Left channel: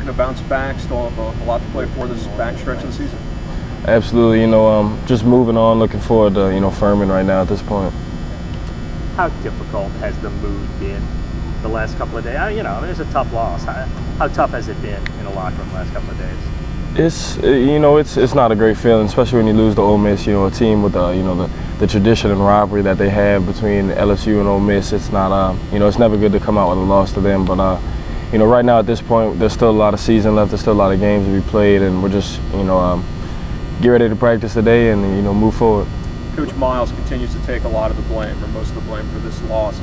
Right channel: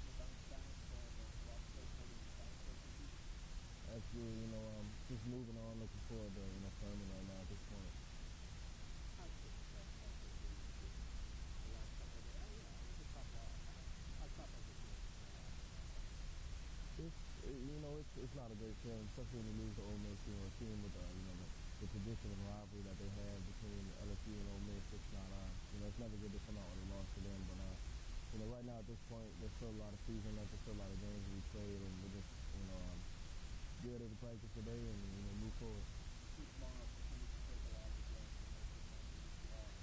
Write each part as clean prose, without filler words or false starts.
looking to bounce back, still have a lot to play for this back stretch of the season? Absolutely. Just moving on, looking forward to, Furman right now at this point. How difficult has the mood been the last couple of days? It's a tough loss. How tough has it been in the locker room the last couple of days? It's not a great feeling, especially when you lose to Ole Miss. A team with the tradition and rivalry that they have between LSU and Ole Miss. It's not it's never good to come out with a loss to them. But right now at this point, there's still a lot of season left. There's still a lot of games to be played, and we're just get ready to practice today and move forward. Coach Miles continues to take a lot of the blame, or most of the blame, for this loss.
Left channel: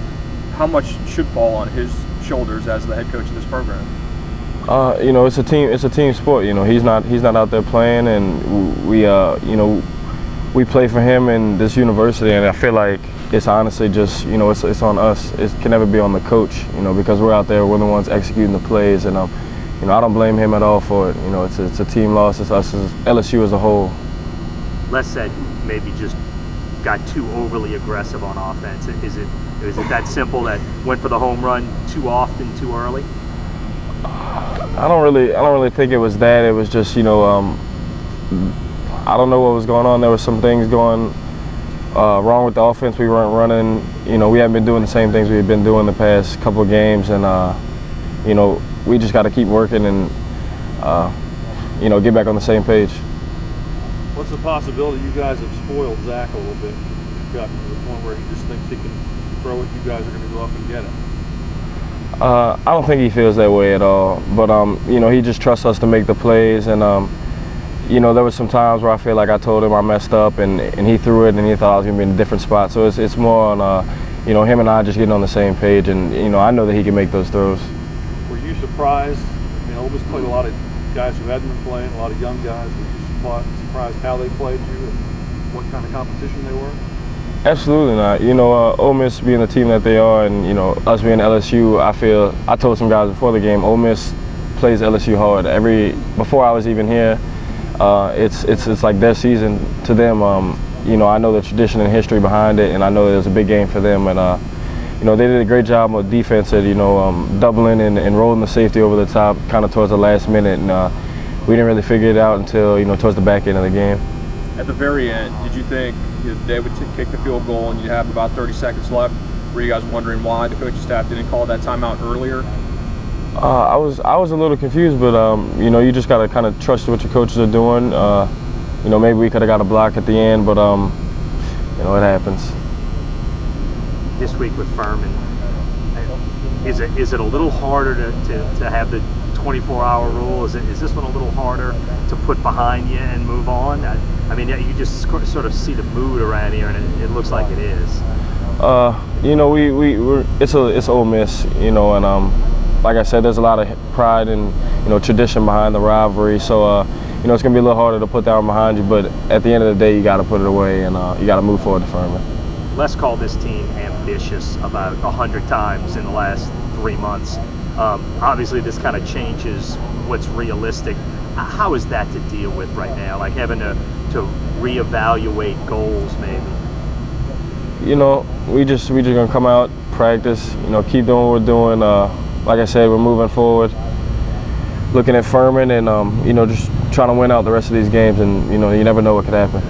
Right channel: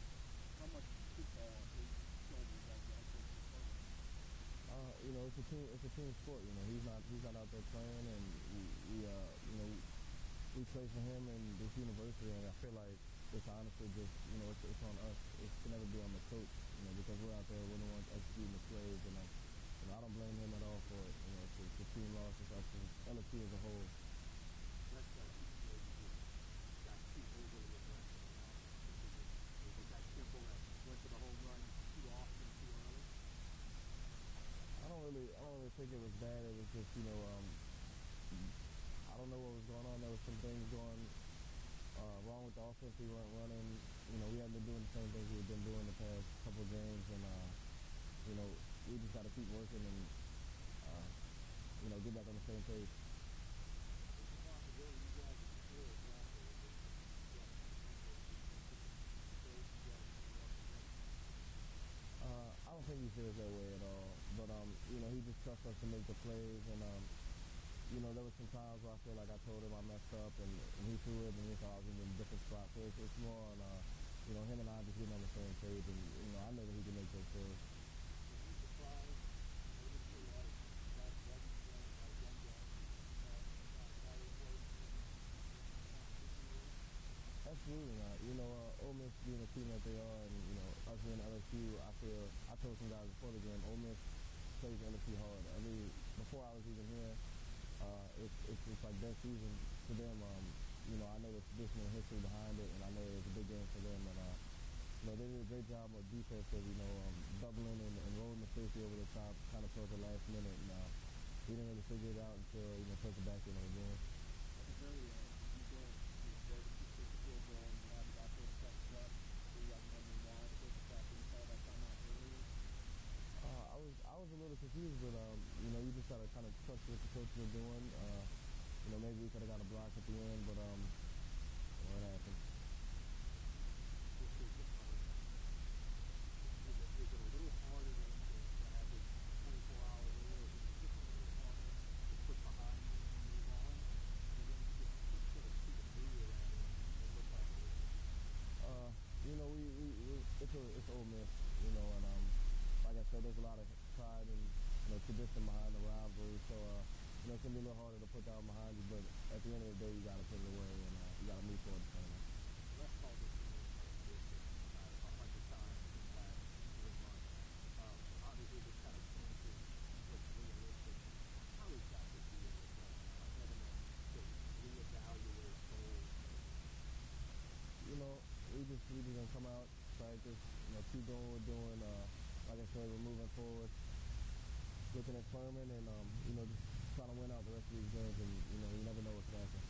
How much should fall on his shoulders as the head coach of this program? It's a team sport. He's not out there playing, and we play for him in this university, and I feel like it's honestly just it's on us. It can never be on the coach, because we're out there, we're the ones executing the plays, and I don't blame him at all for it. It's a team loss. It's us, as LSU as a whole. Les said maybe just got too overly aggressive on offense. Is it that simple, that went for the home run too often, too early? I don't really think it was that. It was just I don't know what was going on. There were some things going wrong with the offense. We weren't running. We haven't been doing the same things we've been doing the past couple of games, and we just got to keep working and get back on the same page. What's the possibility you guys have spoiled Zach a little bit? You've gotten to the point where he just thinks he can throw it, you guys are going to go up and get it. I don't think he feels that way at all, but he just trusts us to make the plays, and there was some times where I feel like I told him I messed up, and he threw it, and he thought I was going to be in a different spot. So it's more on him and I just getting on the same page, and I know that he can make those throws. Were you surprised? Ole Miss played a lot of guys who hadn't been playing, a lot of young guys. Were you surprised how they played you and what kind of competition they were? Absolutely not. Ole Miss being the team that they are, and us being LSU, I told some guys before the game, Ole Miss plays LSU hard. Before I was even here, it's like their season to them. I know the tradition and history behind it, and I know it was a big game for them. And they did a great job on defense at doubling and rolling the safety over the top, kind of towards the last minute. And we didn't really figure it out until towards the back end of the game. At the very end, did you think they would kick the field goal and you have about 30 seconds left? Were you guys wondering why the coaching staff didn't call that timeout earlier? I was a little confused, but you just got to kind of trust what your coaches are doing. Maybe we could have got a block at the end, but it happens. This week with Furman, is it a little harder to have the 24-hour rule? Is this one a little harder to put behind you and move on? You just sort of see the mood around here, and it looks like it is. It's Ole Miss, and like I said, there's a lot of pride and tradition behind the rivalry. So it's gonna be a little harder to put that one behind you. But at the end of the day, you got to put it away, and you got to move forward to Furman. Les called this team ambitious about 100 times in the last 3 months. Obviously, this kind of changes what's realistic. How is that to deal with right now? Like having to reevaluate goals, maybe. We just gonna come out, practice. Keep doing what we're doing. Like I said, we're moving forward, looking at Furman, and just trying to win out the rest of these games. And you never know what could happen.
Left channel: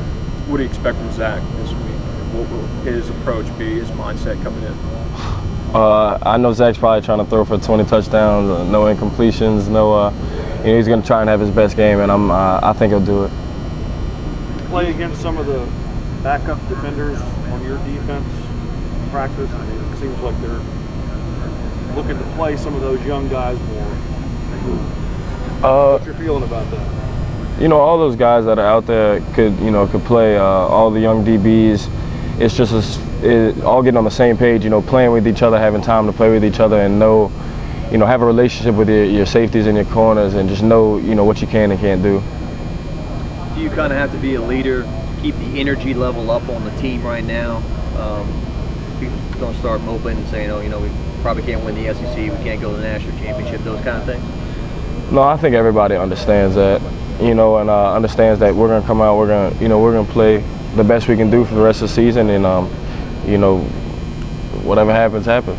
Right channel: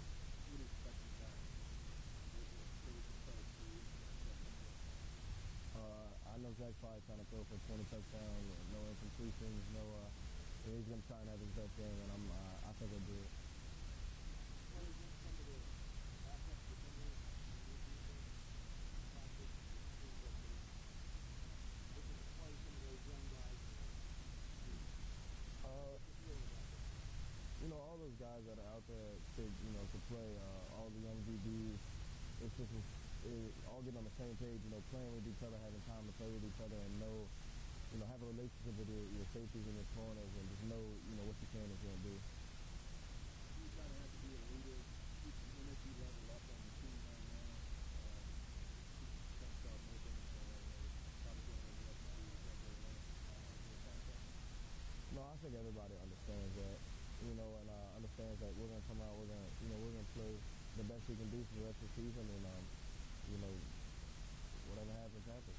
What do you expect from Zach this week? What will his approach be? His mindset coming in? I know Zach's probably trying to throw for 20 touchdowns, no incompletions, no. He's going to try and have his best game, and I think he'll do it. Play against some of the backup defenders on your defense practice. It seems like they're looking to play some of those young guys more. What's your feeling about that? All those guys that are out there could play. All the young DBs. It's just all getting on the same page. Playing with each other, having time to play with each other, and have a relationship with your safeties and your corners, and just know what you can and can't do. Do you kind of have to be a leader, keep the energy level up on the team right now? People don't start moping and saying, we probably can't win the SEC, we can't go to the national championship, those kind of things? No, I think everybody understands that, and understands that we're going to come out, we're going to play the best we can do for the rest of the season, and whatever happens, happens.